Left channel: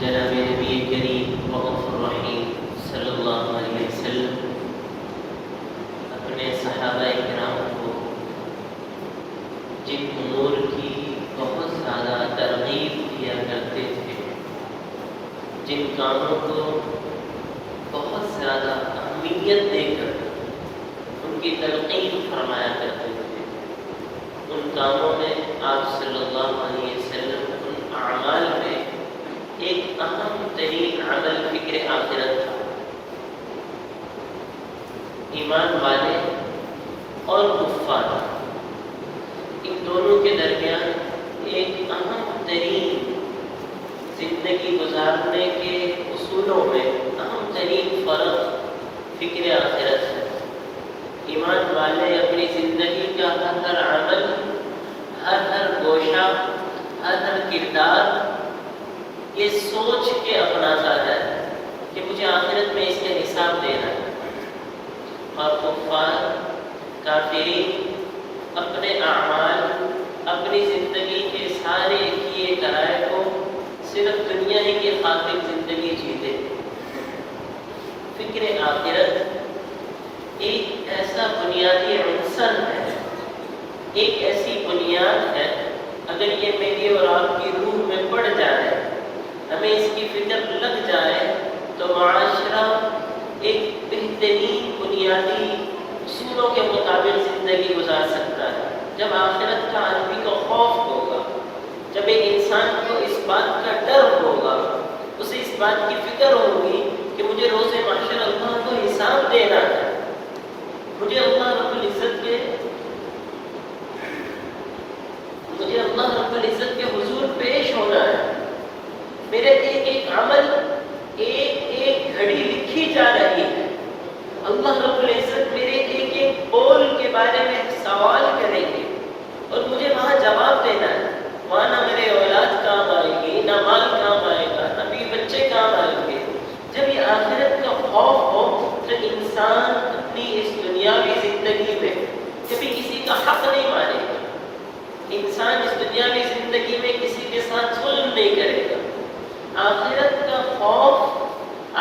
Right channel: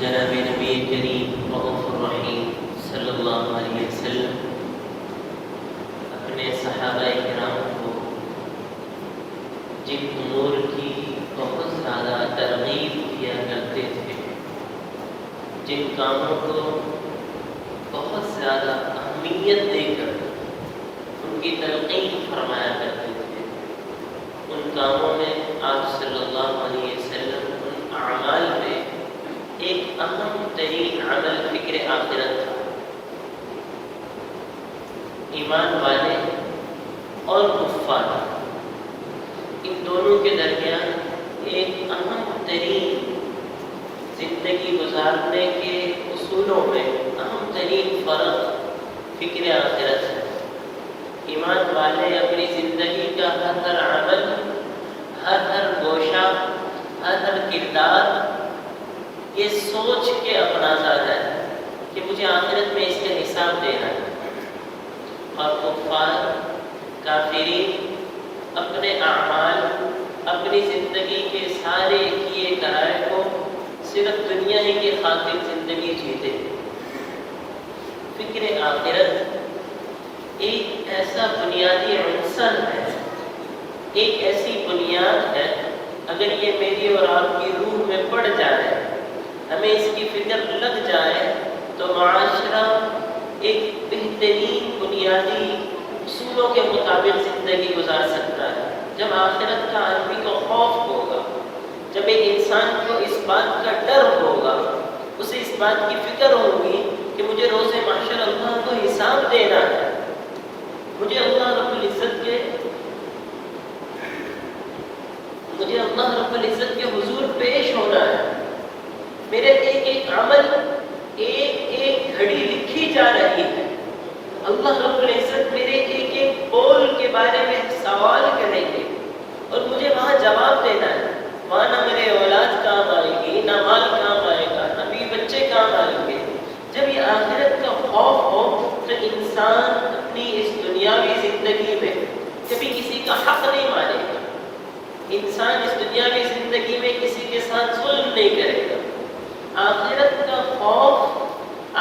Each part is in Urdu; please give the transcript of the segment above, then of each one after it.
جناب نبی کریم رؤوف الرحیم صلی اللہ علیہ وسلم اپنے صحابہ کرام کو جن امور کی بہت زیادہ ترغیب کیا کرتے تھے، جن کاموں کو بہت زیادہ اہمیت دے کر ان کی تلقین فرمایا کرتے تھے، ان کاموں میں آپ صلی اللہ علیہ وسلم ان اعمال میں ایک اہم ترین عمل فکر آخرت تھا۔ ایمان والے اور کفار ان دونوں کے درمیان ایک اہم ترین زندگی گزارنے کے اصولوں میں اہم ترین فرق فکر آخرت ہے۔ ایمان والے اپنی زندگی کا ہر عمل، ہر گوشہ، ہر کردار یہ سوچ کے اپناتا ہے کہ مجھے آخرت میں اس کے حساب دینا ہے، اور کفار کافرین اپنے اعمال، اپنی زندگی کے سارے کیے کرائے کو صرف دنیا ہی کے خاطر زندگی جیتے۔ فکر آخرت ایک ایسا بنیادی عنصر ہے، ایک ایسی بنیاد ہے، اگر یہ میری اور آپ کی روح میں پڑ جائے، ہمیں اس کی فکر لگ جائے، تو معاشرہ ایک بہترین بنیادی اصولوں کے مطابق زندگی گزار سکتا ہے۔ جب آخرت کا آدمی کو خوف ہوگا، جب ایک انسان کو اس بات کا ڈر ہوگا، اسے اس بات کی فکر ہوگی کہ مجھے روز محشر اللہ کو حساب دینا ہے، مجھے اللہ رب العزت کے حضور پیش ہونا ہے، میرے ایک ایک عمل، ایک گھڑی لکھی جا رہی ہے، اللہ رب العزت میرے ایک ایک قول کے بارے میں سوال کریں گے اور مجھے وہاں جواب دینا ہے۔ وہاں نہ میرے اولاد کام آئے گی، نہ مال کام آئے گا، نہ بھی بچے کام آئیں گے۔ جب یہ آخرت کا خوف ہو تو انسان اپنی اس دنیاوی زندگی میں کبھی کسی کا حق نہیں مانے گا، انسان اس دنیاوی زندگی میں کسی کے ساتھ ظلم نہیں کرے گا۔ آخرت کا خوف،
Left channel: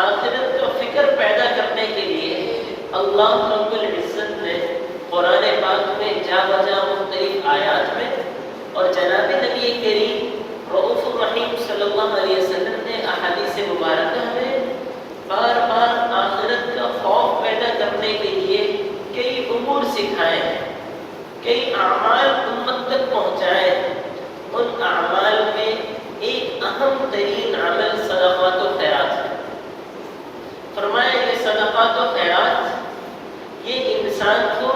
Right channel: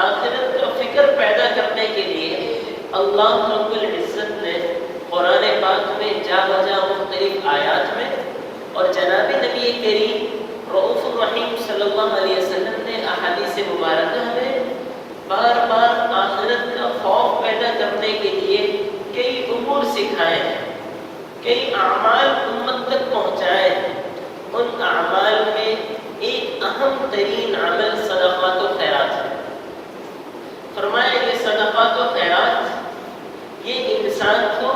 آخرت کا فکر پیدا کرنے کے لیے اللہ رب العزت نے قرآن پاک میں جا بجا مختلف آیات میں اور جناب نبی کریم رؤوف الرحیم صلی اللہ علیہ وسلم نے احادیث مبارکہ میں بار بار آخرت کا خوف پیدا کرنے کے لیے کئی امور سکھائے ہیں، کئی اعمال امت تک پہنچائے ہیں۔ ان اعمال میں ایک اہم ترین عمل صدقات و خیرات ہے۔ فرمایا یہ صدقات و خیرات یہ انسان کو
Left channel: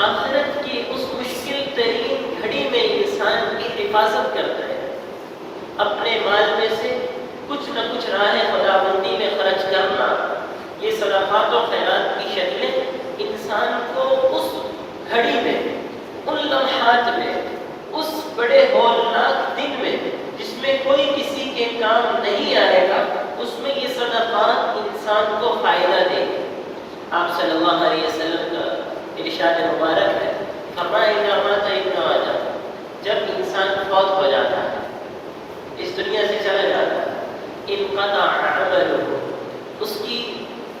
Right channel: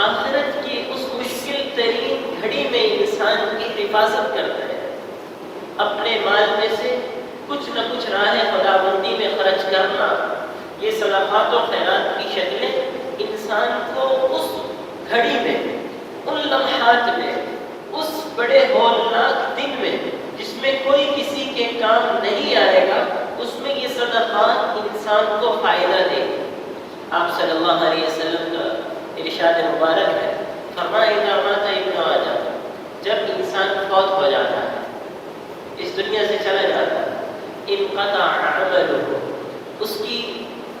آخرت کی اس مشکل ترین گھڑی میں انسان کی حفاظت کرتا ہے۔ اپنے مال میں سے کچھ نہ کچھ راہ خداوندی میں خرچ کرنا، یہ صدقات و خیرات کی شکلیں انسان کو اس گھڑی میں، ان لمحات میں، اس بڑے ہولناک دن میں جس میں کوئی کسی کے کام نہیں آئے گا، اس میں یہ صدقات انسان کو فائدہ دیں گے۔ آپ صلی اللہ علیہ وسلم کا ارشاد مبارک ہے، فرمایا اذا مات ابن آدم، جب انسان فوت ہو جاتا ہے، اس دنیا سے چلا جاتا ہے، انقطع عمله،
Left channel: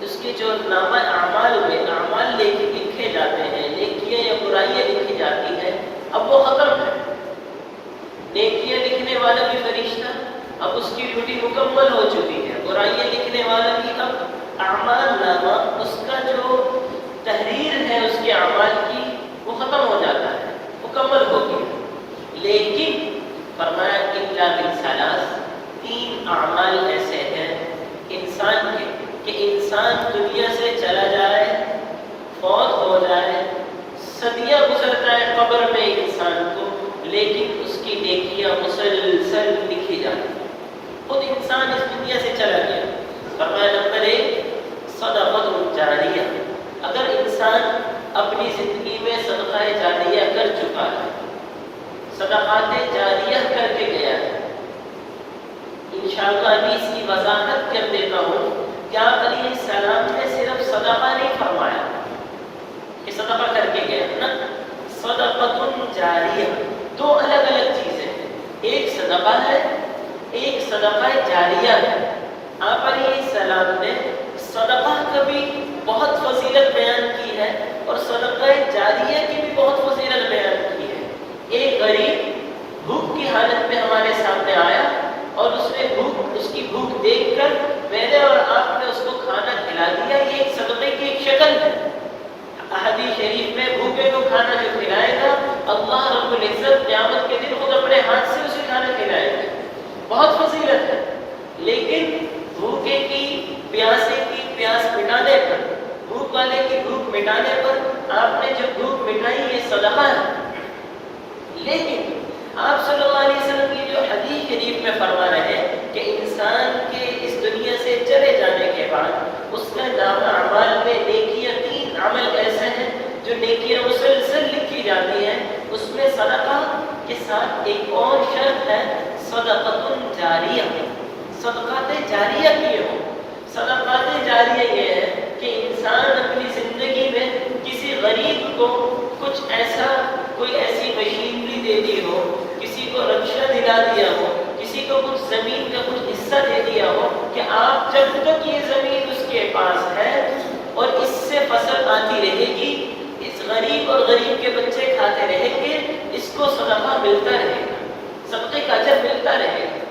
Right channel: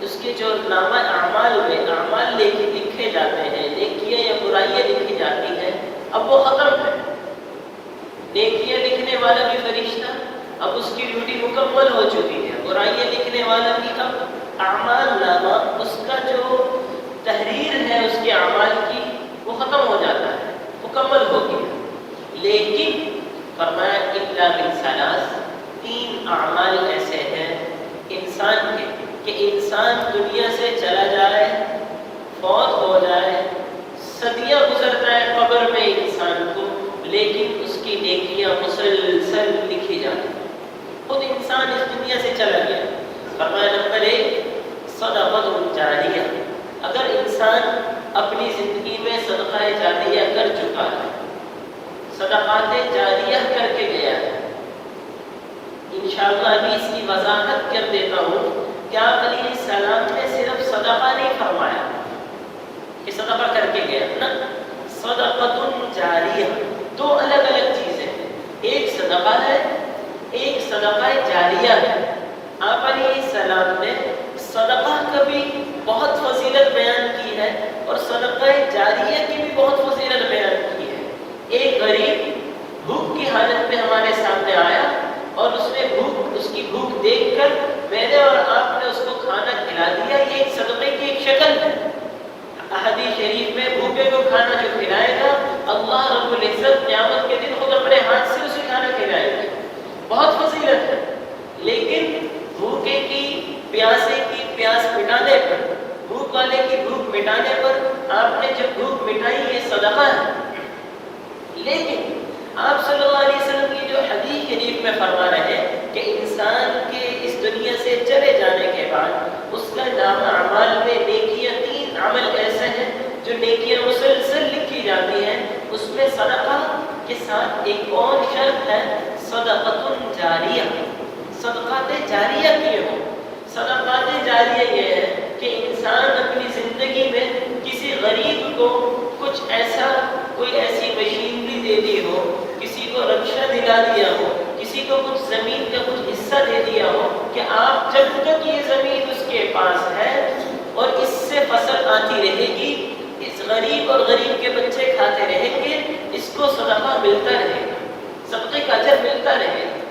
اس کے جو نامہ اعمال میں اعمال لکھے جاتے ہیں، نیکیاں یا برائیاں لکھی جاتی ہیں، اب وہ ختم ہے۔ نیکیاں لکھنے والا بھی فرشتہ، اب اس کی ڈیوٹی مکمل ہو چکی ہے، برائیاں لکھنے والا بھی اب اعمال نامہ، اس کا جو تحریر ہے اس کے اعمال کی، وہ ختم ہو جاتا ہے، مکمل ہو گیا۔ لیکن فرمایا الا بالثلاث، تین اعمال ایسے ہیں انسان کے کہ انسان دنیا سے چلا جائے، فوت ہو جائے، صدیاں گزر جائے قبر میں انسان کو، لیکن اس کی نیکیاں مسلسل لکھی جاتی ہیں۔ خود انسان اس دنیا سے چلا گیا، فرمایا نمبر 1 صدقۃ جاریہ، اگر انسان اپنی زندگی میں صدقہ جاریہ کر چکا ہے، صدقات جاریہ کر کے گیا ہے، انشاءاللہ ابھی اس کی وضاحت کر دیتا ہوں کہ آپ علیہ السلام نے صرف صدقہ نہیں فرمایا کہ صدقہ کر کے گیا نا، صدقۃ جاریہ دو الگ الگ چیزیں، ایک صدقہ ہے، ایک صدقہ جاریہ ہے۔ آپ علیہ السلام نے صدقہ کا بھی بہت فضیلت بیان کی ہے اور صدقہ جاریہ کی بھی بہت فضیلت بیان کی ہے۔ ایک غریب بھوک کی حالت میں ہمارے سامنے آیا اور اس کی بھوک دیکھ کر میں نے اور آپ نے اس کو کھانا کھلا دیا، یہ ایک صدقے کی ایک شکل ہے۔ احادیث شریف میں بھوکے کو کھانا جو کھلائے گا اللہ رب العزت قیامت کے دن خود اپنے ہاتھ سے اسے کھانا کھلائے گا، بہت فضیلت ہے۔ لیکن بھوکے کی پیاسے کی پیاس مٹانے پر، بھوک والے کی بھوک مٹانے پر آپ نے جو بھوک مٹائی یہ صدقہ ہے۔ لیکن آپ صلی اللہ علیہ وسلم کی جو حدیث شریف میں فرما رہے ہیں کہ انسان کے اس دنیا سے چلے جانے کے بعد اس کا نامہ اعمال میں نیکیاں، 3 عمل ایسے ہیں جو نیکیاں مسلسل لکھی جاتی ہیں، اس میں صدقہ کے ساتھ ایک اور شرط ہے صدقۃ جاریہ، صدقات جاریہ کیے ہوں۔ صدقات جاریہ یہ ہے کہ انسان اپنی زندگی میں کسی غریب کو کچھ ایسا، کوئی ایسی مشینری دے دی ہو، کسی کو رکشہ دلا دیا ہو، کسی کو کچھ زمین کا کچھ حصہ دے دیا ہو کہ آپ جب تک یہ زمین اس کے پاس ہے اور اس سے فصل آتی رہے گی، اس غریب اور غریب کے بچے کھاتے رہیں گے، اس کو صدقہ ملتا رہے گا، صدقے کا اجر ملتا رہے گا۔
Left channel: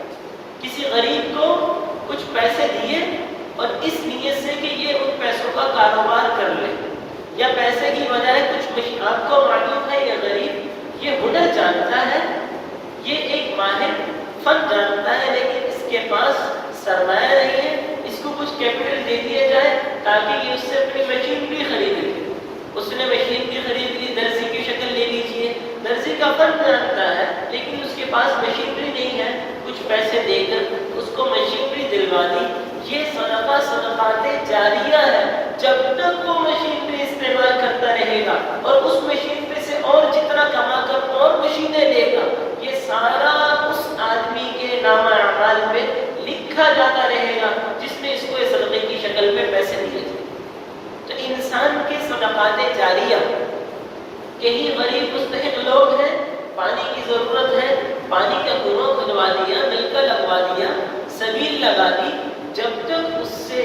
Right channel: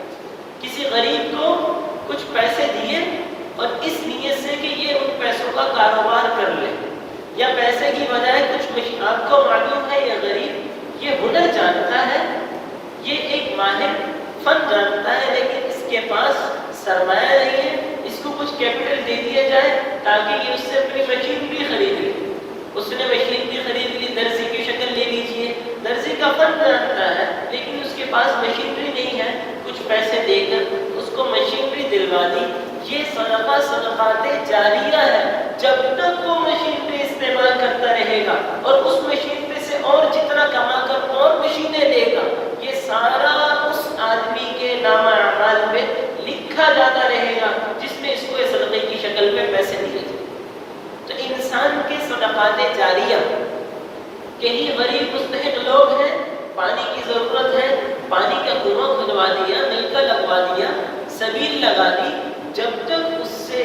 کسی غریب کو کچھ پیسے دیے اور اس نیت سے کہ یہ ان پیسوں کا کاروبار کر لے، یا پیسے کی بجائے کچھ آپ کو معلوم ہے یہ غریب یہ ہنر جانتا ہے، یہ ایک ماہر فن جانتا ہے، لیکن اس کے پاس سرمایہ نہیں ہے، اس کو کچھ کیپٹل دے دیا جائے تاکہ یہ اس سے اپنی مشین بھی خرید لے۔ اس نے مشین بھی خرید لی، درزی کی شکل لے لیجیے، درزی کا فن جانتا ہے لیکن اس کے پاس مشینری نہیں ہے، کچھ پیسے دے کر اس کو مشینری دلوا دی۔ یہ صدقہ صدقات جاریہ ہے، جب تک وہ مشینری استعمال کرتا رہے گا اور اس مشینری سے اور جتنا کما کر اور مشینیں لے گا، یہ سارا اس آدمی کے نامہ اعمال میں لکھا جاتا رہے گا جس نے اس کو صدقے کی شکل میں پیسے دیے تھے۔ تو انسان کے صدقات جاریہ، کہیں غریب مستحق لوگ ہیں، پانی کی ضرورت ہے، پانی کا کنواں کھدوا دیا، نل کا لگوا دیا، سبیل لگا دی، جب تک اس سے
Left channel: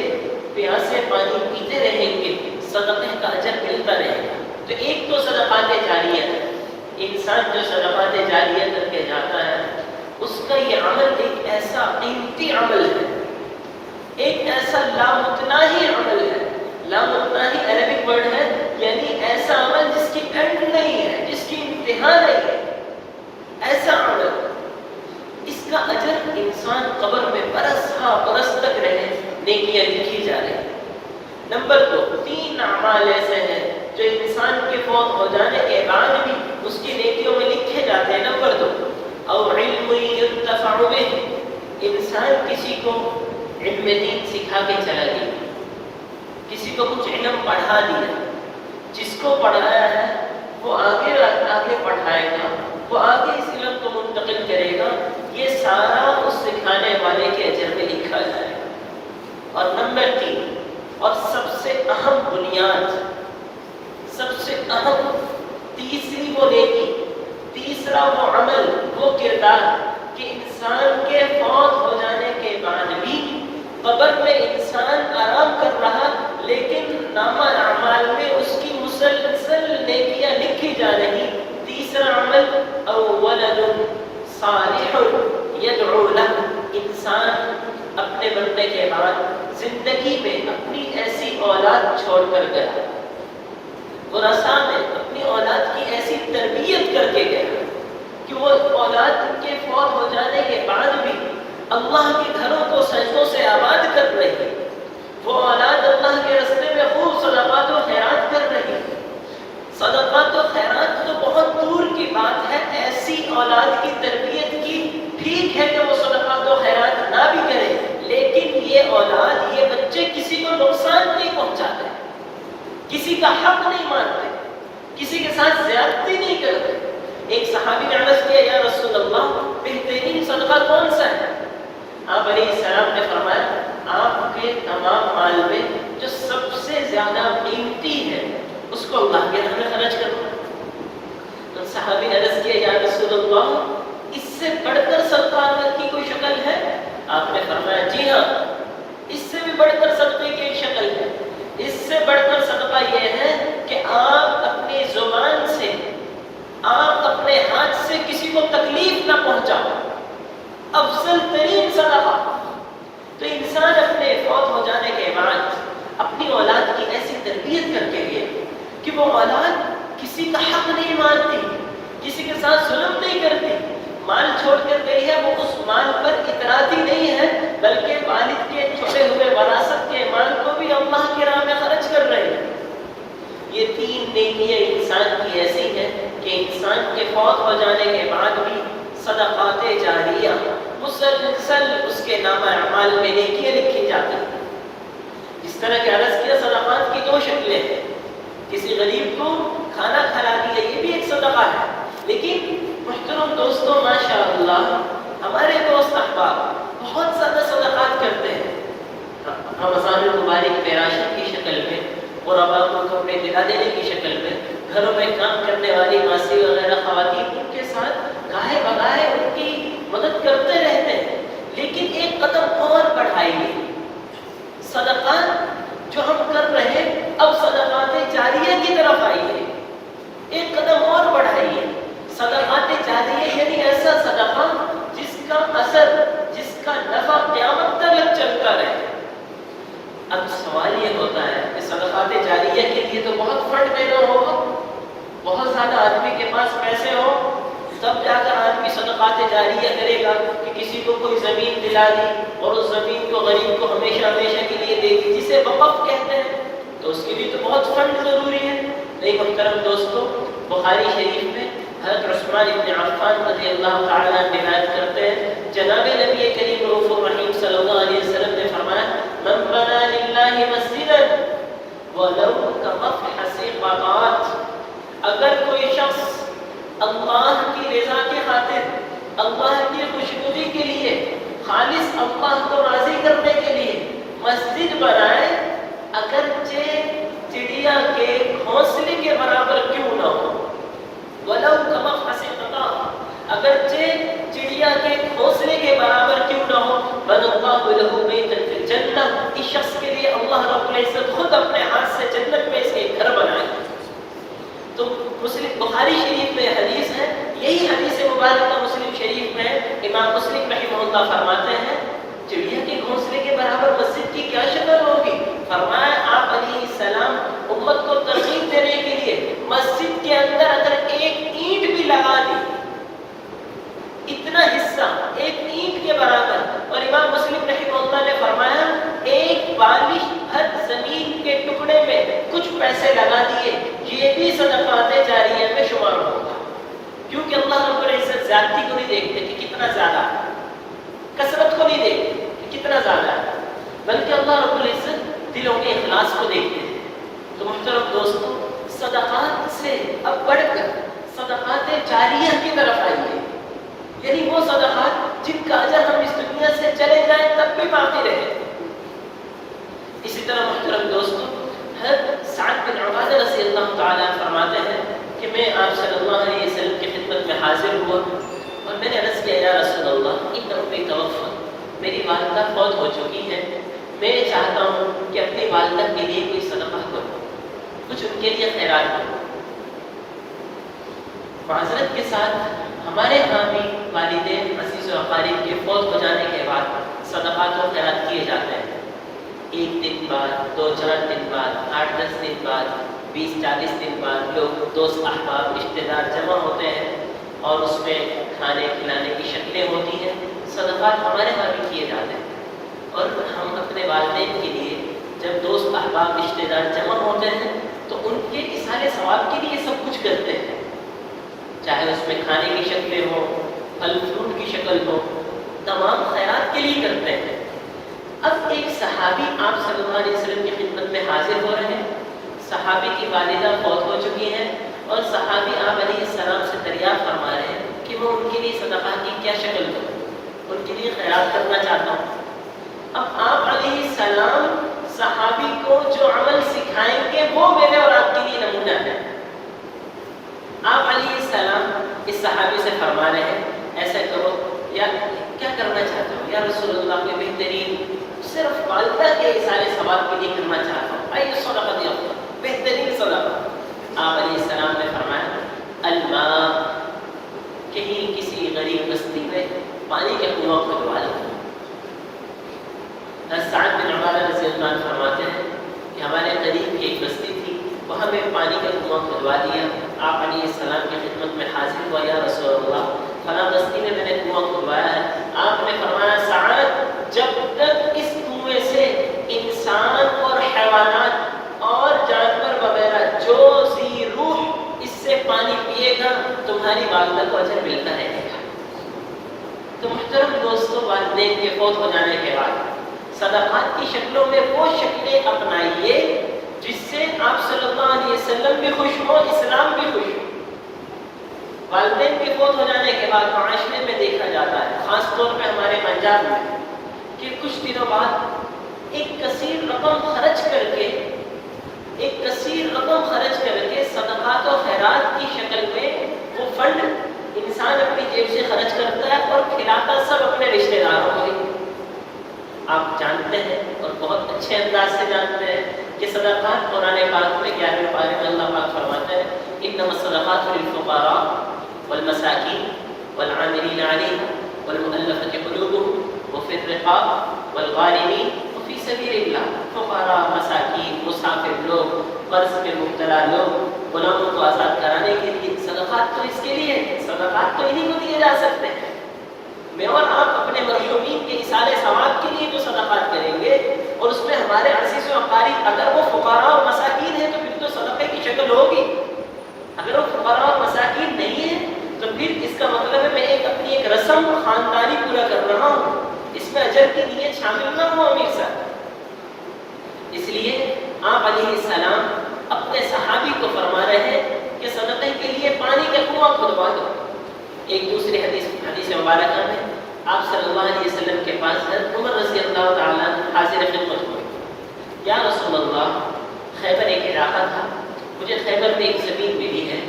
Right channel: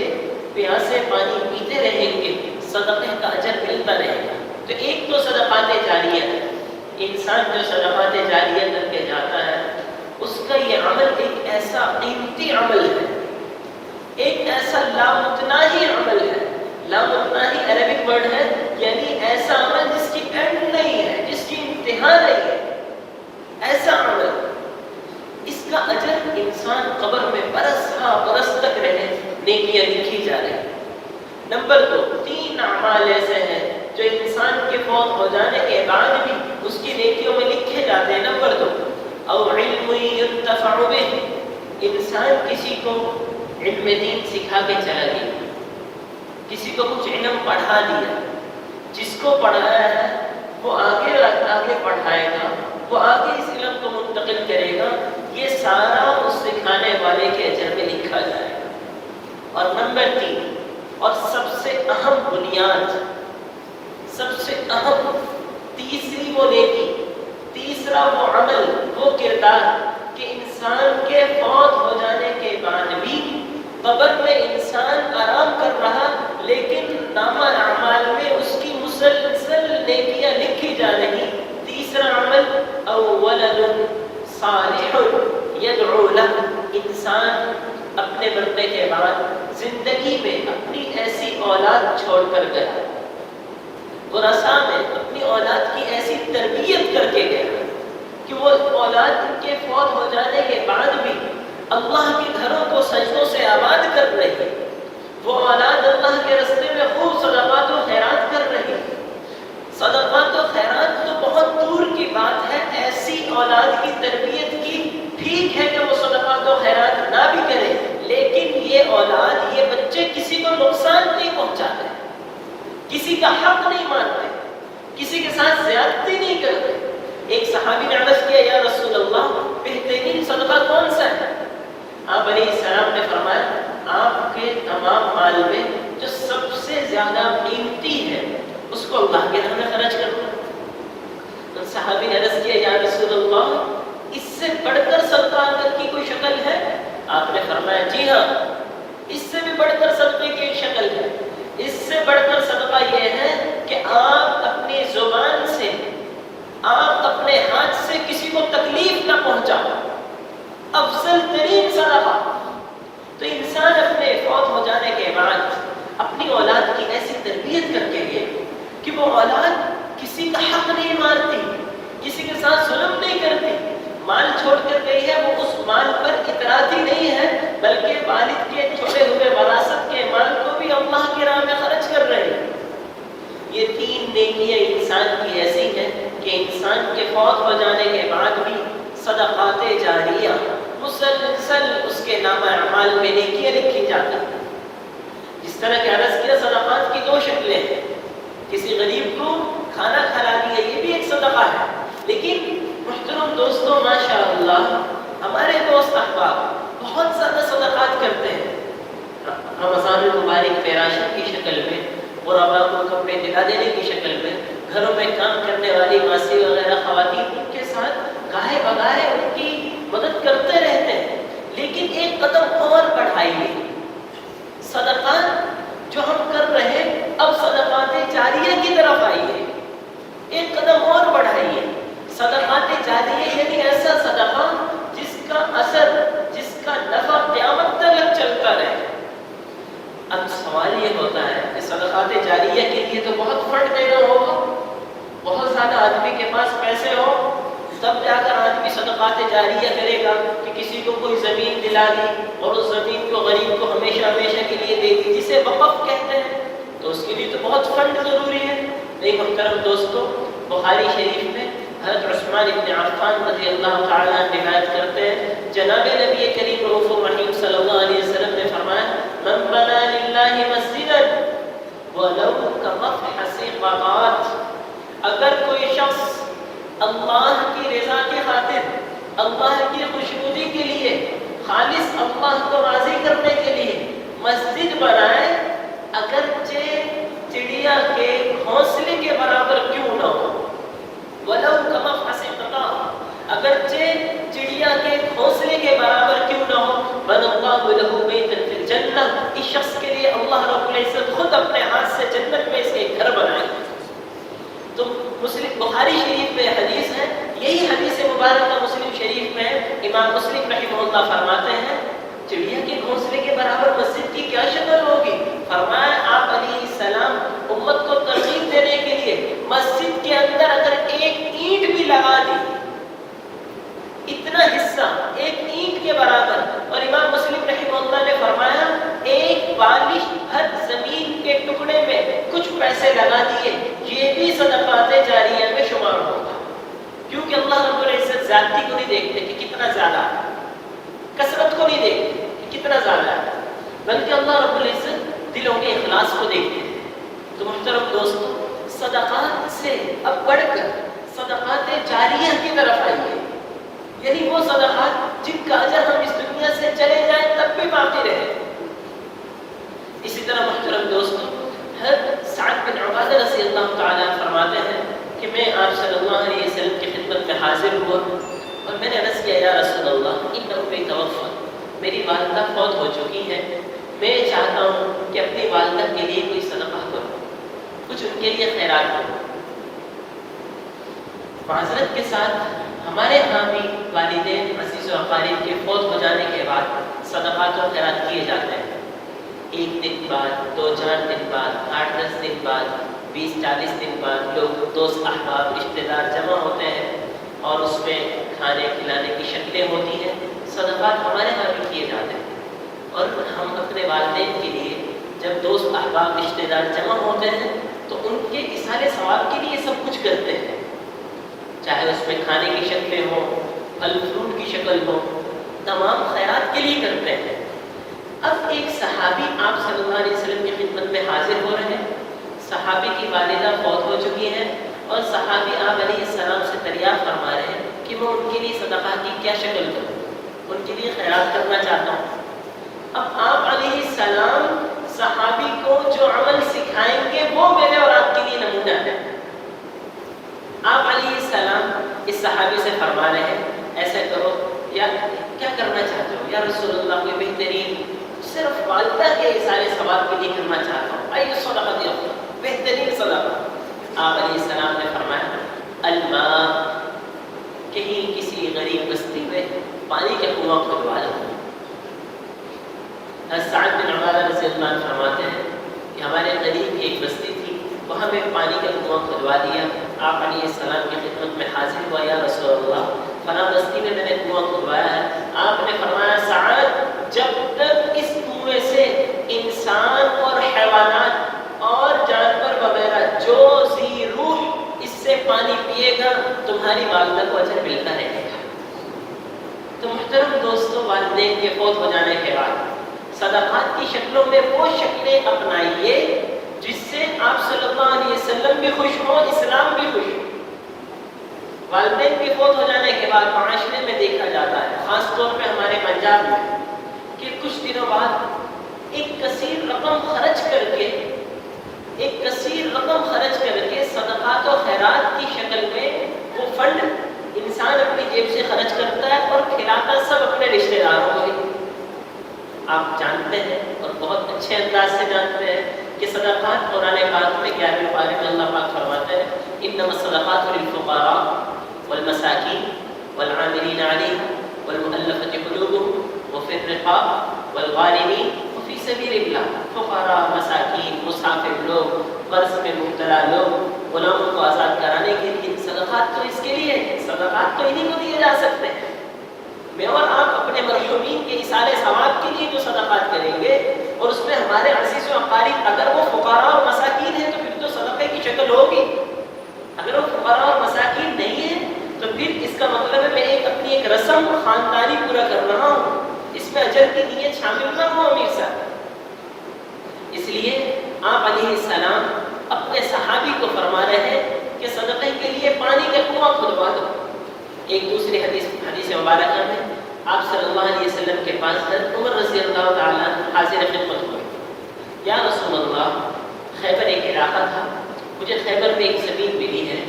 پیاسے پانی پیتے رہیں گے صدقے کا اجر ملتا رہے گا۔ تو ایک تو صدقات جاریہ ہے، انسان جو صدقات جاریہ کر کے جاتا ہے اس کا یہ عمل ایک ایسا قیمتی عمل ہے، ایک ایسا لامتناہی عمل ہے۔ لامتناہی عربک ورڈ ہے، یعنی ایسا عمل جس کی اینڈ نہیں ہے، جس کی انتہا نہیں ہے، ایسا عمل، اس کا اجر انسان قبر میں برس تک رہے، نیکیاں لکھی جا رہی ہیں۔ نمبر 2، 3 اعمال ایسے ہیں جو انسان کے فوت ہو جانے کے بعد بھی اس کی نیکیوں میں لکھے جاتے ہیں۔ نمبر 2، او علم ينتفع به، انسان کسی کو علم دین سکھا کے چلا گیا، کسی کو کچھ علم پڑھا دیا، جس کو پڑھایا ہے وہ آگے پڑھائے گا، وہ آگے اس علم کو منتقل کرے گا، یہ سارا اس سکھانے والے کے اجر میں لکھا جائے گا۔ اور نمبر 3 اور سب سے اہم بنیاد، سب سے اہم تیسری وہ نیکی، تیسرا وہ عمل، وہ کردار کہ انسان کے فوت ہو جانے کے بعد بھی قبر میں انسان آرام کر رہا لیکن نامہ اعمال میں اس کی مسلسل نیکیاں لکھی جا رہی۔ تیسرا عمل او ولد صالح یدعو لہ، انسان اپنے مرنے کے بعد زندگی میں اپنی ایسی اولاد چھوڑ کر گیا، ورثہ میں اپنی اولاد کی ایسی تربیت کر کے گیا کہ وہ اولاد کے فوت ہو جانے کے بعد بھی اللہ کے گھروں کو سجدوں سے آباد کر رہی ہے، وہ اولاد اللہ کے راستے میں خوب صدقات و خیرات کر رہی ہے۔ صدقات و خیرات تو بہت دور کی بات ہے، ایسی اولاد کی تربیت کی، ٹھیک ہے کہ وہ صدقات و خیرات نہ بھی کرے لیکن یہ اولاد، یہ بچے کسی کو نقصان نہیں پہنچاتے، کسی کا حق نہیں مانتے، کسی کے ساتھ زیادتی نہیں کرتے۔ ایک صحابی نے عرض کیا، یا رسول اللہ بہترین صدقہ کون سا ہے؟ آپ علیہ السلام نے فرمایا، آپ کے تمام مال میں جو سب سے زیادہ قیمتی ہے اس کو اللہ کے راہ میں خرچ کرو۔ تو صحابی نے عرض کیا، یا رسول اللہ اس سے بڑھ کر صدقہ کی کوئی شکل ہے؟ کے فوت ہو جانے کے بعد اپنی اولاد کی ایسی تربیت کر کے گئے کہ وہ اولاد کسی کا حق نہیں مانتی، کسی کے ساتھ ظلم نہیں کرتی، مال چھوڑ کر گئی ہے وہ اس مال پر اتراتی نہیں ہے، بلکہ والد کے چھوڑے ہوئے وراثت کے مال کو بھی اللہ کی راہ میں خرچ کر رہے ہیں۔ یہ تین نیکیاں انسان کی ایسی ہیں کہ انسان کے فوت ہو جانے کے بعد بھی صدقات جاریہ مسلسل اس کے نام اعمال میں نیکیاں لکھی جاتی ہیں۔ جس طرح کہ عرض کیا صدقات کی دو شکلیں ہیں، کسی غریب کو کھانا کھلا دیا یہ بھی ایک صدقہ ہے، لیکن محترم دوستوں ماشاء اللہ ہمارے دوست احباب بہت زیادہ صدقات کرتے ہیں۔ رمضان المبارک میں راشن کی شکل میں، غربا کو کپڑے دلا دینے کی شکل میں، گھروں میں کام کرنے والی ماسی وغیرہ خواتین ان کے ساتھ گاہے بگاہے ان کی مدد کرتے رہتے ہیں، لیکن ایک قدم اور بڑھائیے۔ صدقات جو ہم کر رہے ہیں اب صدقات جاریہ کی طرف آئیے، ایک قدم اور بڑھائیے۔ صدقات جاریہ یعنی ایسا صدقہ جس کا اثر، جس کا نفع قیامت تک چلتا رہے۔ اب سوال یہ ہوتا ہے کہ صدقات جاریہ کے لیے تو بہت فنڈ دینا ہوگا، بہت زیادہ آدمی کے پاس پیسے ہو تب جا کر آدمی صدقات جاریہ کرے گا کہ کسی کو کوئی زمین دلا دی اور اس زمین کو غریب کو ہمیشہ ہمیشہ کے لیے دے دی، جسے وقف کہتے ہیں، تو اس کے لیے تو بہت فنڈ ضروری ہے۔ لیکن محترم دوستوں بخاری شریف میں حضرت عثمان ابن عفان رضی اللہ تعالیٰ عنہ روایت کرتے ہیں، جناب نبی کریم رؤوف الرحیم صلی اللہ علیہ وسلم نے فرمایا من بنا للہ مسجدا ولو کمفحص قطعات، اگر کوئی شخص اللہ کی رضا کے خاطر، اللہ کی خوشنودی کے لیے، خالص اللہ کو راضی کرنے کے لیے مسجد بنائے، اگرچہ چڑیا کے گھونسلے کے برابر کیوں نہ ہو، وَلَوْ كَمَفْحَصِ قَطَعٍ، اگرچہ چڑیا کے گھونسلے کے برابر کیوں نہ ہو، بَنَى اللَّهُ لَهُ بَيْتًا فِي الْجَنَّةِ، اس شخص کے لیے اللہ رب العزت خود اپنے ہاتھ سے جنت میں اس کے گھر بنائے۔ تو مسلم بخاری شریف میں حدیث ہے، یہی حدیث مبارکہ مسلم شریف میں امام مسلم رحمہ اللہ فرماتے ہیں چڑیا کے گھونسلے کے برابر مسجد کی کیا شکل ہوگی؟ فرمایا آپ علیہ السلام امت کو ترغیب دینے کے لیے مسجد کے اندر اگر ایک اینٹ بھی لگا دی، اتنا حصہ ایک اینٹ کے برابر، اور امام مسلم رحمہ اللہ نے فرمایا ایک بالش ہر زمین کے ٹکڑے میں کچھ پیسے لگا دیے، یہ بھی صدقات جاریہ میں شمار ہوگا، کیونکہ اللہ رب العزت زیادتی کو نہیں دیکھتے کہ کتنا زیادہ ہے، کثرت کو نہیں دیکھتے کہ کتنا زیادہ ہے، بلکہ اللہ رب العزت دلوں کے اخلاص کو دیکھتے ہیں۔ تو محترم دوستو صدقات سے اب بڑھ کر صدقات جاریہ کی طرف آئیے، یعنی وہ صدقات جن کا اجر ہم اس دنیا سے چلے جائیں تب بھی باقی رہے۔ اسی طرح محترم دوستو حضرت سعد بن عبادہ رضی اللہ تعالیٰ فرماتے ہیں کہ میں آپ صلی اللہ علیہ وسلم کی خدمت میں حاضر ہوا اور میں نے عرض کیا یا رسول اللہ ان امی توفی، میری والدہ فوت ہو چکی ہے، میں چاہتا ہوں کہ اپنی والدہ کے لیے کوئی صدقہ کروں، کچھ ان کے لیے خیرات کروں۔ معذرت کے ساتھ ہمارے ہاں بھی والدین عزیز و اقارب کے فوت ہو جانے کے بعد صدقات و خیرات کیے جاتے ہیں، 1 دن بعد، 2-4 دن بعد، 8-10 دن بعد، 20-40 دن بعد لوگ دوست احباب رشتے دار جمع ہوتے ہیں اور اس میں کھانے کھلانے کی شکلیں ہوتی ہیں۔ صدقات ہمارے ہاں بھی کیے جاتے ہیں، اور ہم اپنے والدین کے لیے جب دوست احباب رشتے دار جمع ہوتے ہیں تو ان کے اصحال ثواب کے لیے سب کچھ کرتے ہیں، چاہے اس میں کھانے کی شکلیں ہوں، پھل فروٹ کی شکل ہو، تمام خیرات کے لیے کرتے ہیں۔ اب ایک صحابی آپ صلی اللہ علیہ وسلم کی خدمت میں حاضر ہو رہے ہیں، صحابی کی والدہ فوت ہو چکی ہے اور صحابی آپ علیہ السلام سے دریافت فرما رہے ہیں کہ وہ ان کے لیے صدقہ کی کیا شکل کروں، ان کے لیے خیرات کرنا چاہتا ہوں۔ اب آپ علیہ السلام صحابی کو جو عمل سکھائیں گے وہ میرے اور آپ کے لیے نمونہ ہے۔ آپ علیہ السلام اس صحابی سے فرما رہے ہیں ایسا کرو، یا کیا کرنا چاہتے ہو یا رسول اللہ کے بہترین صرف والدہ کے اصحال ثواب کے لیے کرنا چاہتا ہوں، آئیے صدقہ دیا بہترین صدقہ۔ آپ علیہ السلام نے فرمایا الماء، کہیں کسی غریب بستی میں پانی کا کنواں کھودوا لو۔ سعد بن رضی اللہ عنہ فرماتے ہیں کہ ہمارے قریب ایک بستی تھی، وہاں میں پانی کا کنواں کھدوا دیا. آپ علیہ السلام کی خدمت میں حاضر ہوا، یا رسول اللہ فلاں بستی میں نے کنواں کھدوایا ہے. آپ نے فرمایا سعد جب تک اس کنویں سے انسان اور حیوانات اور جانور وغیرہ جو ذی روح اس سے پانی پیے گا تمہاری والدہ کو اجر ملتا رہے گا. تو محترم دوستوں، والدین کے فوت ہو جانے کے بعد صدقات کی شکلوں میں وہ شکلیں اپنائیے جس سے آپ صلی اللہ علیہ وسلم بھی خوش ہو، اسلام بھی خوش ہو. والدین کے فوت ہو جانے کے بعد معاشرے میں دیکھا جاتا ہے، خاص طور پہ ہمارے پنجاب میں، کہ کچھ دنوں بعد ایک کثیر رقم خرچ کر کے صدقات و خیرات کی شکل میں وہ فنڈ انسان اپنی جیب سے خرچ کرتا ہے اور کھلاتا سب اپنے رشتہ داروں کو. آپ جانتے ہیں اور بہت اچھے انداز سے جانتے ہیں کہ صدقات قرآن پاک میں 11ویں پارے میں اللہ پاک فرماتا ہے انما الصدقات للفقراء والمساکین والعاملین علیہا والمؤلفۃ قلوبهم وفی الرقاب والغارمین فی سبیل اللہ. فقراء، مساکین، مسافر لوگ، قرض میں مبتلا لوگ، غلاموں کو آزاد کرانے کے لیے صدقات تو اس کے لیے ہے. صدقات تو انہیں کو دیے جا سکتے ہیں. میں اور آپ اپنے مرحومین کے اصال ثواب کے لیے جو صدقات کریں گے اور اس میں ہمارے عزیز و اقارب اگر وہ فقراء اور مساکین ہیں تو پھر تو صدقے کی شکل ہوگی. اگر وہ فقراء اور مساکین نہیں ہیں تو پھر اس کا مطلب ہے میں اپنی ایک رسم خاندانی پورا کر رہا ہوں، اس میں اجر کی نیت شامل نہ ہو امیر صاحب. اس لیے آپ علیہ السلام اپنے صحابی کو فرما رہے ہیں کہ صدقے کے لیے پانی کا کنواں کھدوا دو. ایک دوسری حدیث مبارکہ میں آپ صلی اللہ علیہ وسلم کے پاس عمر رضی اللہ تعالیٰ حاضر خدمت ہوئے. یا رسول اللہ، خیبر ایک علاقہ تھا، مجھے خیبر میں ایک زمین ملی ہے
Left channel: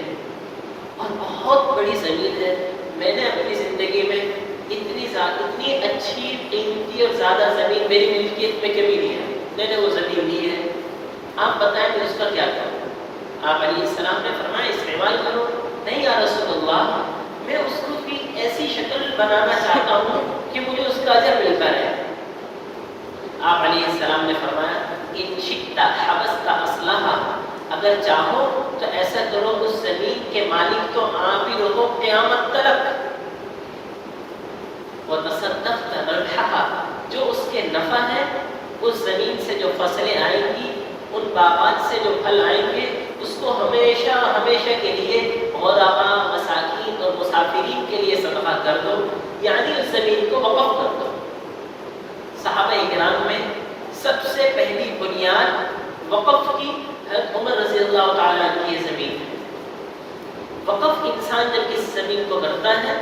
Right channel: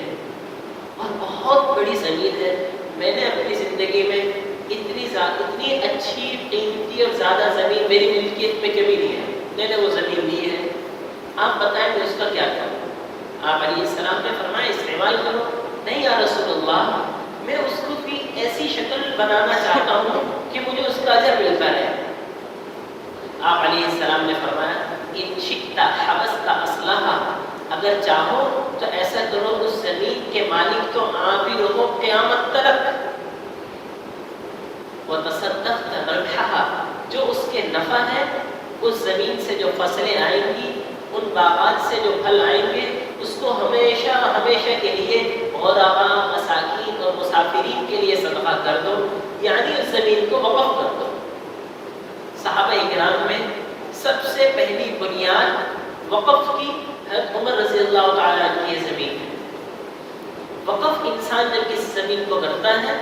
اور بہت بڑی زمین ہے. میں نے اپنی زندگی میں اتنی اچھی، قیمتی اور زیادہ زمین میری ملکیت میں کبھی نہیں ہے. میں نے وہ زمین لی ہے، آپ بتائیں میں اس کا کیا کروں؟ آپ علیہ السلام نے فرمایا استعمال کرو. نہیں یا رسول اللہ، میں اس کو بھی ایسی شکل بنانا چاہتا ہوں کہ مجھے اس کا اجر ملتا رہے. آپ علیہ السلام نے فرمایا ان شئت حبست اصلها، اگر چاہو تو ایسا کرو اس زمین کے مالک تو آپ ہی رہو قیامت تک. وتصدقت ربحها، جو اس کے نفع ہے، اس زمین سے جو فصلیں آئیں گی، ان باغات سے جو پھل آئیں گے، اس کو ہمیشہ ہمیشہ کے لیے غرباء، مساکین اور مسافرین کے لیے صدقہ کر دو، یعنی اس زمین کو وقف کر دو. صحابہ کرام میں سب سے پہلی بنیاد وقف کی عمر رضی اللہ تعالیٰ کی یہ زمین ہے. وقف انسان جب اس زمین کو کرتا ہے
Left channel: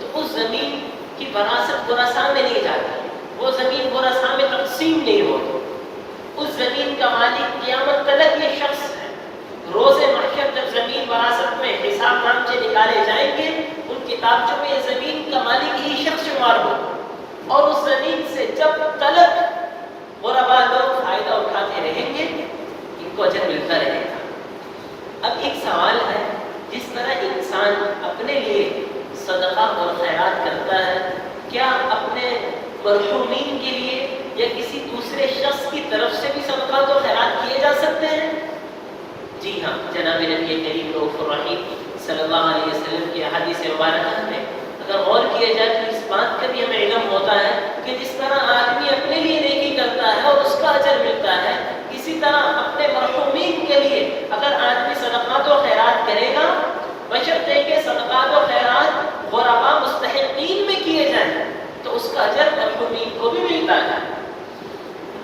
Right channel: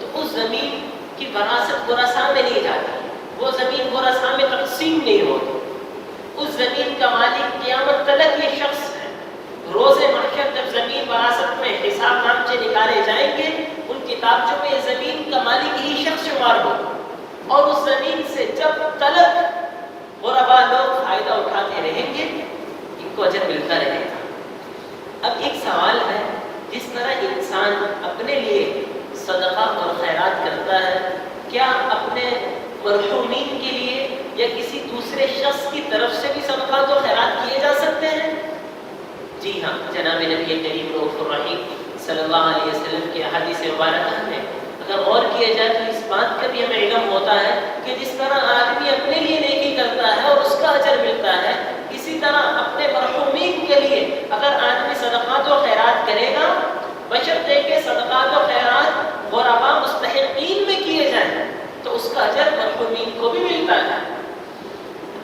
تو اس زمین کی وراثت ورثاء میں نہیں جاتی، وہ زمین ورثاء میں تقسیم نہیں ہوتی. اس زمین کا مالک قیامت تک یہ شخص ہے. روز محشر جب زمین وراثت میں حساب نامچے نکالے جائیں گے، ان کتابچوں میں یہ زمین کا مالک ہی شخص شمار ہو، اور اس زمین سے جب تلک غرباء لوگ فائدہ اٹھاتے رہیں گے ان کو اجر ملتا رہے گا. اب ایک سوال ہے، جس طرح انسان اپنے لیے صدقہ اور خیرات کرتا ہے، کیا اپنے مرحومین کے لیے یا کسی دوسرے شخص کی طرف سے بھی صدقات و خیرات کیے جا سکتے ہیں؟ جی ہاں، جناب نبی کریم رؤوف الرحیم صلی اللہ علیہ وسلم کی احادیث مبارکہ میں اگر غور کیا جائے تو اس بات کا بھی ہمیں علم ہوتا ہے کہ جس طرح آدمی اپنے لیے نیکی کرتا ہے اور اس کا اجر ملتا ہے، اسی طرح اپنے مرحومین کے لیے اگر آدمی صدقات و خیرات کرے گا، بشرطے کہ صدقات و خیرات غرباء مستحقین میں کیے جائیں تو اس کا اجر مرحومین کو بھی ملتا ہے.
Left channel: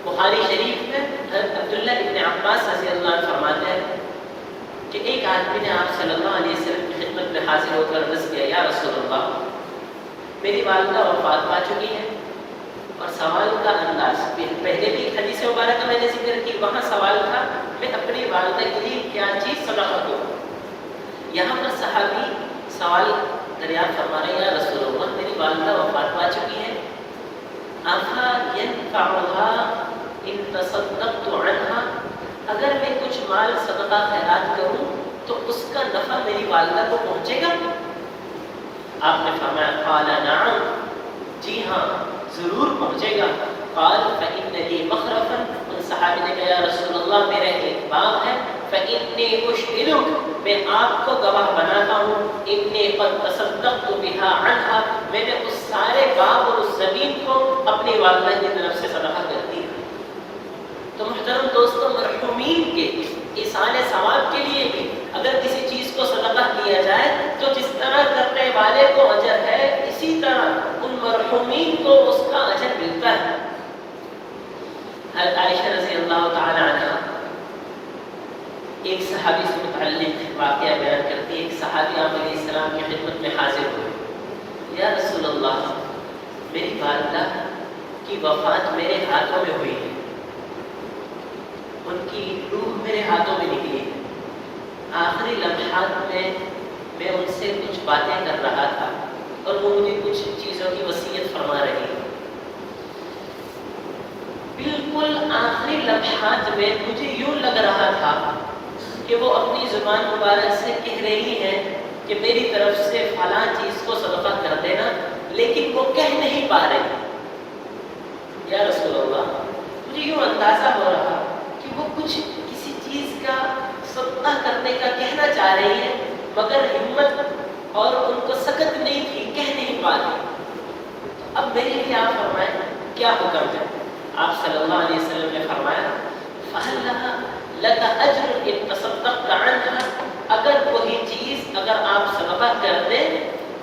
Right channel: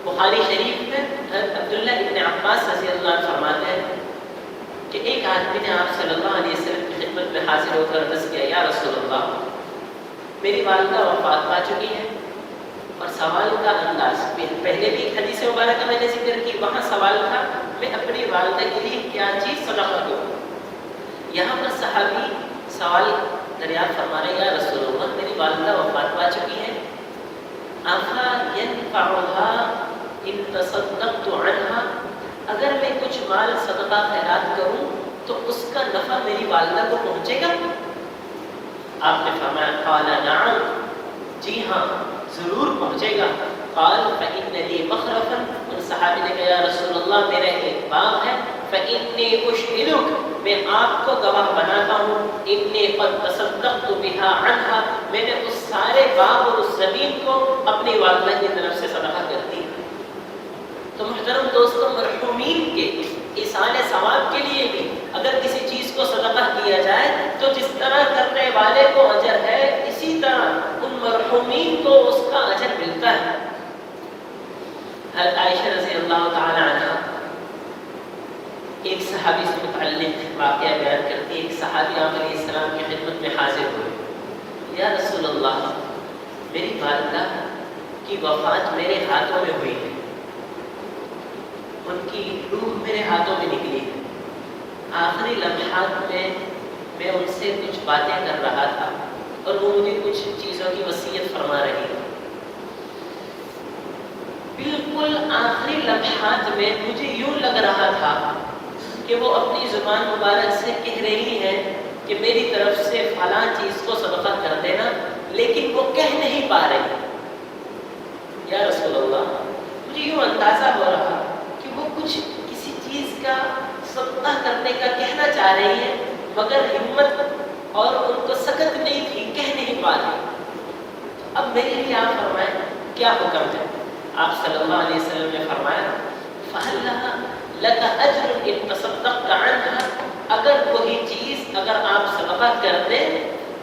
بخاری شریف میں عبداللہ ابن عباس رضی اللہ عنہ فرماتے ہیں کہ ایک آدمی نے آپ صلی اللہ علیہ وسلم کی خدمت میں حاضر ہو کر عرض کیا، یا رسول اللہ، میری والدہ وفات پا چکی ہے، اور سوال کا انداز پہلے بھی حدیث مبارکہ میں نے ذکر کی، وہاں سوال تھا میں اپنی والدہ کے لیے کیا چیز صدقہ دوں. یہاں پر صحابی سوال دریافت فرما رہے ہیں، یا رسول اللہ، میری والدہ وفات پا چکی ہے، آخا ينفعها ان تصدقت عنها، اگر میں کچھ مال صدقہ خیرات کروں تو اس کا نفع میری والدہ کو پہنچے گا؟ آپ نے فرمایا قال نعم، جی ہاں ضرور پہنچے گا. قال فإن لي مخرفا کہ یا رسول اللہ میرا ایک باغ ہے، فإنی أشهدک، میں آپ کو گواہ بناتا ہوں، انی قد تصدقت بها عنها، میں نے اس سارے باغ اور اس زمین کو اپنی والدہ کی طرف سے صدقہ کر دیا۔ تو محترم دوستوں، مرحومین کے ایصال ثواب کے لیے بھی اگر کسی چیز کو صدقہ کیا جائے تو جس طرح کرنے والے کو اجر ہے، اسی طرح ان مرحومین کو اس کا اجر ملتا ہے۔ حضرت عائشہ رضی اللہ تعالی عنہ ایک صحابی سے متعلق واقعہ بیان کرتی ہے۔ ایک صحابی آپ علیہ السلام کی خدمت میں حاضر ہوئے، یا رسول اللہ، میری والدہ کی وفات میرے ہاتھوں میں ہوئی ہے، ان کی روح میرے ہاتھوں میں نکلی ہے، آخری لمحات میں میں ان سے کچھ باتیں کر رہا تھا اور وہ مجھے کچھ چیزوں کی وصیت فرما رہی ہے۔ بالکل آخری لمحات میں مجھے یوں لگ رہا تھا کہ وہ اپنی زبان مبارک سے کہہ رہی ہے کہ میری طرف سے فلاں چیز کو صدقہ کر دینا، لیکن وہ کہہ نہیں پا رہی۔ یا رسول اللہ، مجھے یوں اندازہ ہو رہا کہ وہ کچھ کسی چیز کا صدقہ کرنے کا کہنا چاہ رہی ہے، مگر ہمت اور ان کو سکت نہیں تھی، کہہ نہیں پا رہی۔ اب میرے لیے آپ فرمائیں کیا حکم ہے؟ آپ صلی اللہ علیہ وسلم نے فرمایا، فَهَلْ لَهَا لَكَ أَجْرٌ إِن تَصَدَّقْتَ عَنْهَا، اگر کوئی چیز اگر آپ صدقہ کر دیں،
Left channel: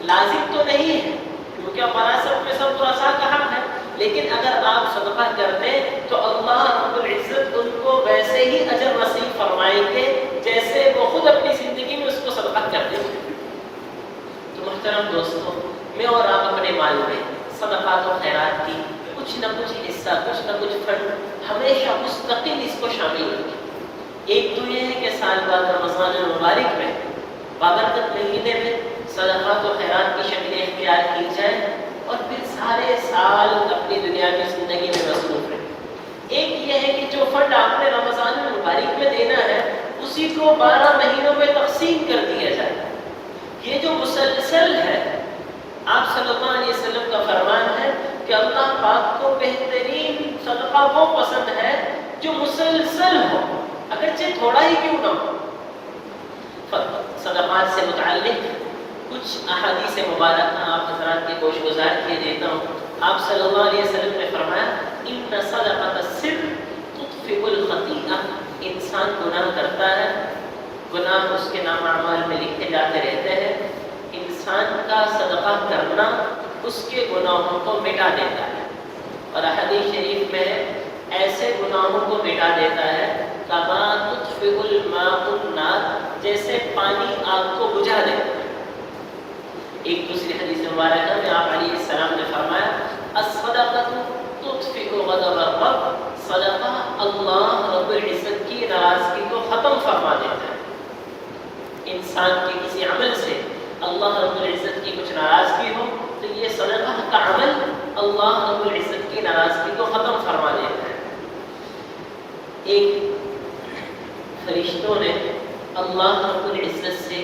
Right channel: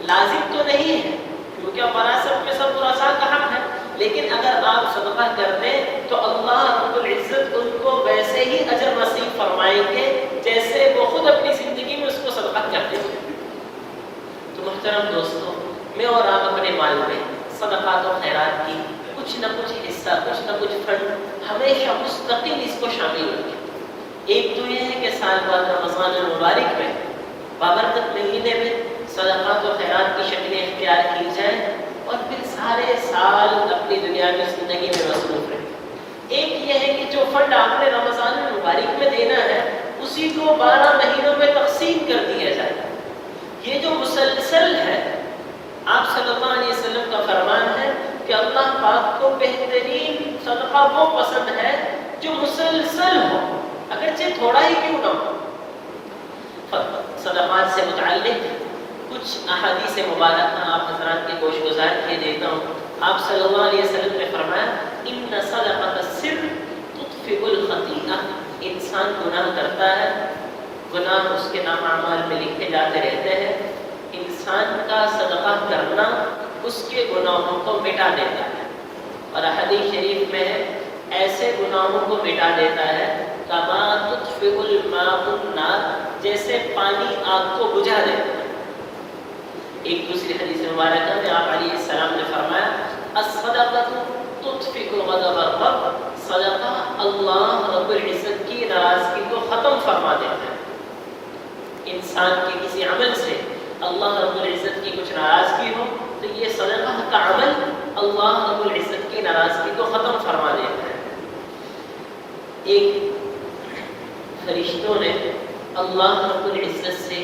لازم تو نہیں ہے کیونکہ وراثت میں سب ورثاء کا حق ہے، لیکن اگر آپ صدقہ کر دیں تو اللہ رب العزت ان کو ویسے ہی اجر نصیب فرمائیں گے جیسے وہ خود اپنی زندگی میں اس کو صدقہ کر دیں۔ تو محترم دوستوں، میں اور آپ اپنے مال میں صدقات و خیرات کی کچھ نہ کچھ حصہ، کچھ نہ کچھ فنڈ ہمیشہ مستقل اس کو شامل رکھیں۔ ایک تو یہ ہے کہ سال بعد رمضان المبارک میں بابرکت مہینے میں صدقات و خیرات کی شکلیں اختیار کی جائیں اور پھر سارے سال اپنی دنیا کی زندگی میں مصروف رہیں۔ ایک یہ ہے کہ جو فنڈ آپ نے رمضان المبارک میں دینا ہے اسی کو 12 مہینوں میں تقسیم کر دیا جائے۔ یہ جو مسلسل ہے، آپ صلی اللہ علیہ وسلم کا فرمان ہے کہ اللہ پاک کو بہترین صدقہ وہ پسند ہے جو مسلسل ہو، اگرچہ تھوڑا ہی کیوں نہ ہو۔ صدقات سے متعلق کچھ احادیث مبارکہ آپ حضرات کے گوش گزار کے دیتا ہوں۔ آپ صلی اللہ علیہ وسلم نے فرمایا، ان صدقۃ السر تطفئ الخطیئہ، انسان گناہ کرتا ہے، گناہ اس کے نام اعمال میں لکھے جاتے رہتے ہیں، انسان کا صدقہ کرنا اس کے گناہوں کو مٹا دیتا ہے، اور حدیث شریف میں ایسے گناہوں کو مٹا دیتا ہے کما تطفئ الماء النار، جیسے پانی آگ کو بجھا دیتا ہے۔ ایک دوسری حدیث مبارکہ میں آپ علیہ السلام نے فرمایا، الصدقۃ تطفئ غضب الرب، صدقہ اللہ رب العزت کی ناراضگی کو ختم فرما دیتا ہے۔ انسان کے کسی عمل سے اللہ رب العزت کی کچھ ناراضگی ہو تو یہ صدقہ کا عمل اللہ رب العزت کی ناراضگی کو ختم فرما دیتا ہے۔ ایک فرشتوں نے اللہ رب العزت سے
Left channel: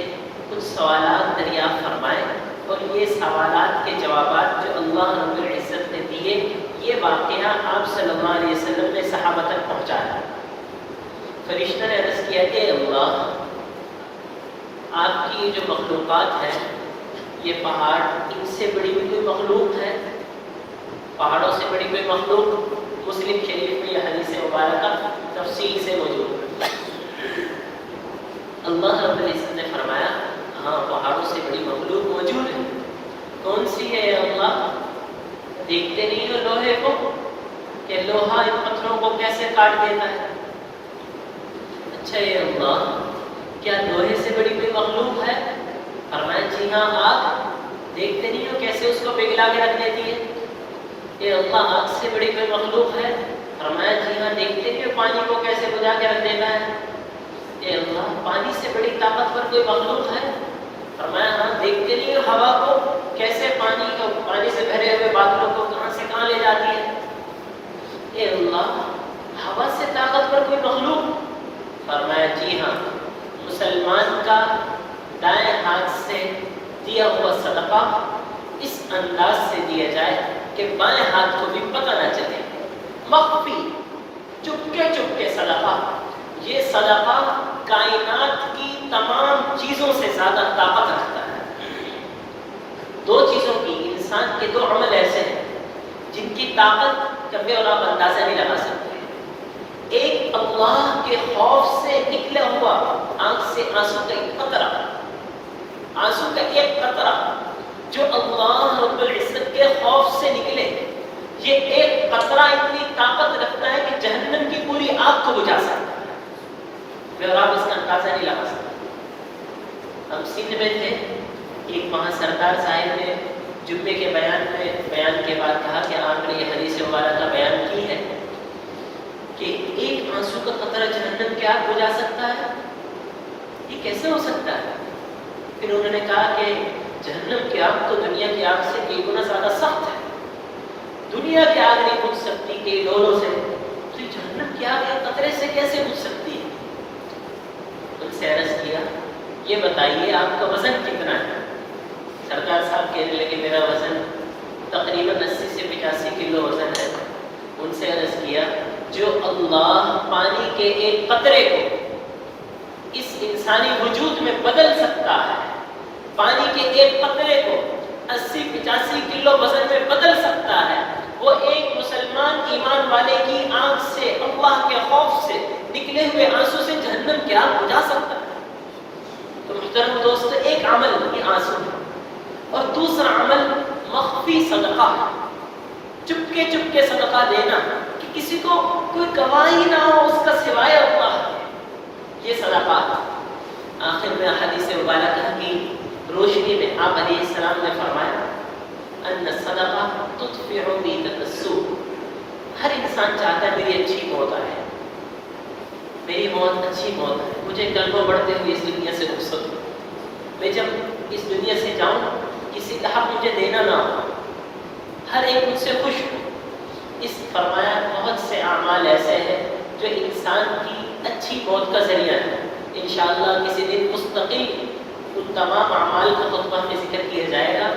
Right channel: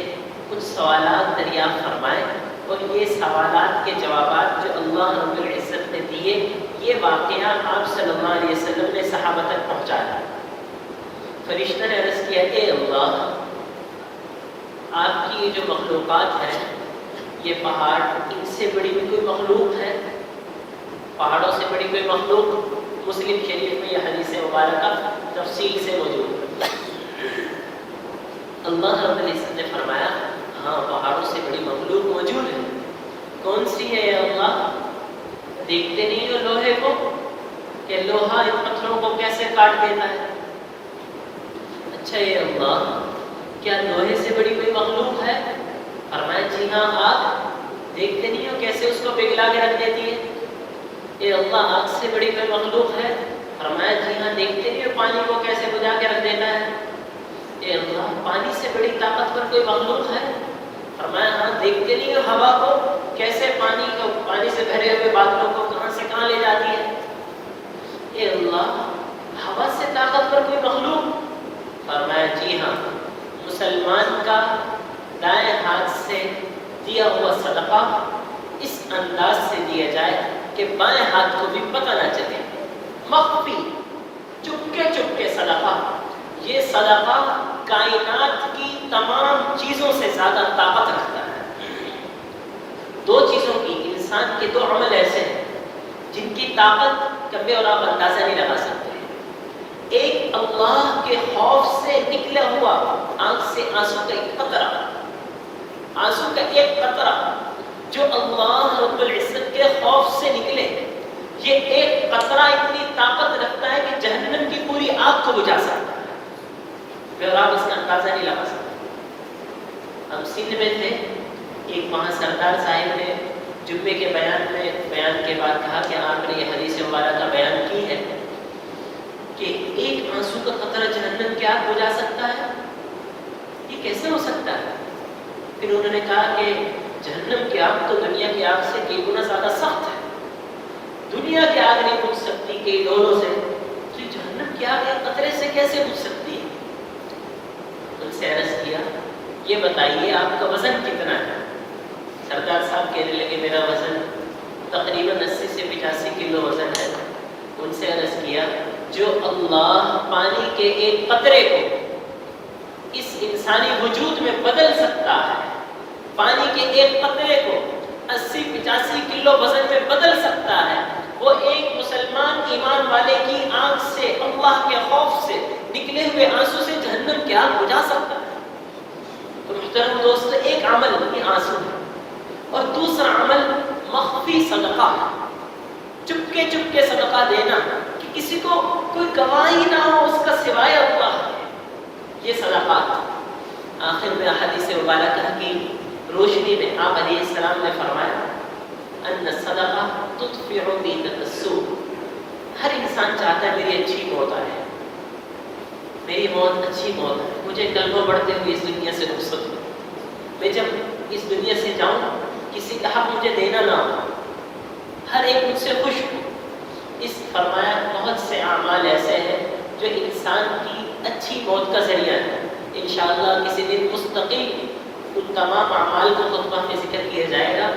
کچھ سوالات دریافت فرمائے اور یہ سوالات کے جوابات جو اللہ رب العزت نے دیے، یہ واقعہ آپ صلی اللہ علیہ وسلم نے صحابہ تک پہنچایا۔ فرشتہ نے عرض کیا کہ اللہ، آپ کی یہ جو مخلوقات ہے، یہ پہاڑ، ان سے بڑی بھی کوئی مخلوق ہے؟ پہاڑوں سے بڑی کوئی مخلوق؟ مسلم شریف میں یہ حدیث مبارکہ تفصیل سے موجود ہے۔ اللہ رب العزت نے فرمایا، ہاں پہاڑوں سے بڑی مخلوق موجود ہے۔ کون سی ہے اللہ؟ دیکھتے نہیں ہو لوہے کو کہ لوہا ان پتھروں کو کیسے کاٹ دیتا ہے؟ اچھا یہ اللہ، کیا لوہے سے بڑی کوئی مخلوق ہے؟ فرمایا جی ہاں، آگ، دیکھتے نہیں ہو کیسے اس کو پگھلا کے رکھ دیتی ہے؟ اے اللہ، آگ سے بڑی کوئی مخلوق ہے؟ فرمایا جی ہاں، دیکھتے نہیں ہو پانی کو کیسے بجھا کے رکھ دیتا ہے؟ اے اللہ، پانی سے بڑی طاقتور کوئی مخلوق ہے؟ فرمایا ہاں، دیکھتے نہیں ہو ہوا کو کیسے پانی سے بھرے ہوئے بادلوں کو کہاں سے کہاں لے جاتی ہے؟ اے اللہ، ہوا سے طاقتور کوئی مخلوق؟ فرمایا جی ہاں، مسلمان کا دائیں ہاتھ سے دیا ہوا صدقہ اس انداز سے دیا جائے کہ بائیں ہاتھ کو بھی پتہ نہ چلے، مخفی، چپکے صدقہ، یہ صدقہ کائنات کی تمام چیزوں سے زیادہ طاقت رکھتا ہے۔ دو چیزوں کی، انسان کے دو عمل ایسے ہیں جن کی طاقت کبھی اور آپ اندازہ نہیں لگا سکتے۔ ایک اللہ کے خوف سے نکلا ہوا آنکھ سے آنسو کا ایک قطرہ، آنسو کا ایک قطرہ جو اللہ رب العزت کے خوف سے نکلے، یہ ایک قطرہ اتنی طاقت رکھتا ہے کہ جہنم کی پوری آگ کو بجھا سکتا ہے، مگر آپ اس کا اندازہ نہیں لگا سکتے۔ ہم سندھ میں تھے، ایک وہاں سردار صاحب نے جمعے کے بیان کے بعد کہا کہ آپ نے یہ حدیث مبارکہ کا بیان کی ہے کہ ایک آنسو کا قطرہ جہنم کی آگ بجھا سکتا ہے، یہ کیسے ہو سکتا ہے؟ پھر انہوں نے کہا کہ جہنم کی آگ تو دنیا کی آگ سے کئی گنا زیادہ سخت ہے، دنیا کی آگ نہیں بجھ سکتی کئی ڈولوں سے، تو جہنم کی آگ ایک قطرے سے کیسے بجھ سکتی ہے؟ ان سے عرض کیا یہ بتائیے آپ کا وزن کتنا ہے؟ سردار صاحب کہنے لگے میرا وزن تقریباً 80 سے 85 کلو وزن ہے۔ ان سے عرض کیا جو اللہ پانی کے ایک قطرے کو اس انسانی وجود میں بدل سکتا ہے، پانی کے ایک قطرے کو 80-85 کلو وزن میں بدل سکتا ہے، وہ ایک مسلمان ایمان والے کی آنکھ سے، اللہ کے خوف سے نکلے ہوئے آنسو سے جہنم کی آگ بجھا سکتا ہے۔ تو محترم دوست، ایک عمل یہ آنسو ہے، اور دوسرا عمل مخفی صدقہ، چپکے صدقہ دینا کہ کسی کو کوئی گواہی نہ ہو اس کا سوائے اللہ، یہ صدقات۔ آخر میں حدیث مبارکہ کی روشنی میں آپ علیہ السلام نے فرمایا ان الصدقہ تطفئ بیت السوء، ہر انسان چاہتا ہے میری اچھی موت آئے، میری موت اچھی موت ہے، مجھے کل کو بڑھتے ہوئے اس دنیا سے رخصت ہو، میں جب اس دنیا سے جاؤں کسی کا حق مجھے دینا نہ ہو، ہر ایک مجھ سے خوش ہو۔ اس فرمایا بہت سے اعمال ایسے ہیں جو انسان کی اچھی موت کا ذریعہ ہے۔ انشاءاللہ کسی دن مستقل ان تمام اعمال کو خطبہ میں ذکر کیا جائے گا،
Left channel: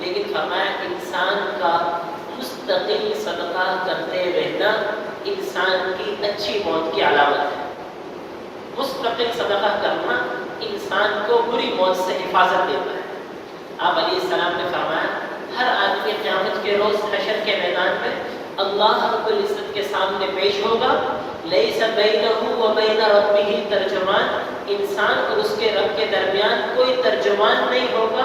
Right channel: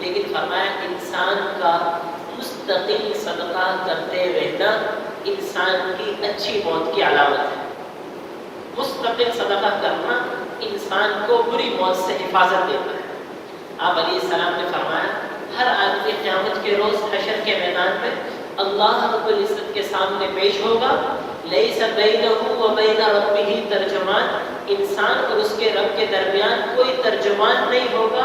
لیکن فرمایا انسان کا مستقل صدقہ کرتے رہنا انسان کی اچھی موت کی علامت ہے۔ مستقل صدقہ کرنا انسان کو بری موت سے حفاظت دیتا ہے۔ آپ علیہ السلام نے فرمایا ہر آدمی قیامت کے روز حشر کے میدان میں اللہ رب العزت کے سامنے پیش ہوگا، لیس بینہ و بین ربہ ترجمان، انسان اور اس کے رب کے درمیان کوئی ترجمان نہیں ہوگا،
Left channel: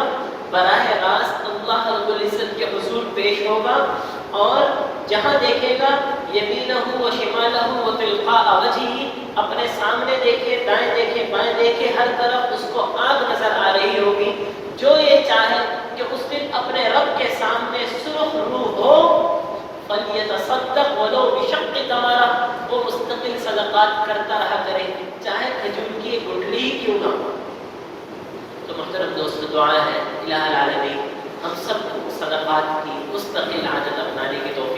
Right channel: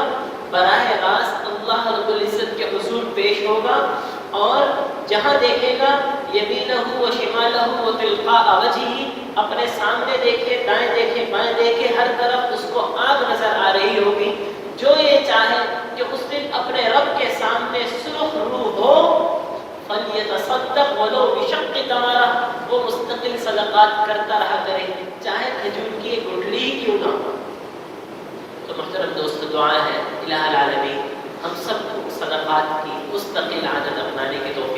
براہ راست اللہ رب العزت کے حضور پیش ہوگا، اور جہاں دیکھے گا یمینہ و شمالہ و تلقاء وجہہ، اپنے سامنے دیکھے، دائیں دیکھے، بائیں دیکھے، ہر طرف اس کو آگ نظر آ رہی ہوگی۔ جو یہ چاہے کہ اس دن اپنے رب کے سامنے سرخ روح ہو، فَلْيَتَصَدَّقْ وَلَوْ بِشَقِّ تَمْرَةٍ، وہ مستقل صدقات کرتا رہا کرے، چاہے کھجور کی گٹلی ہی کیوں نہ ہو۔ تو محترم دوست، دعا ہے الہ العالمین ہم سب کو صدقات کی مستقل عادت اپنانے کی توفیق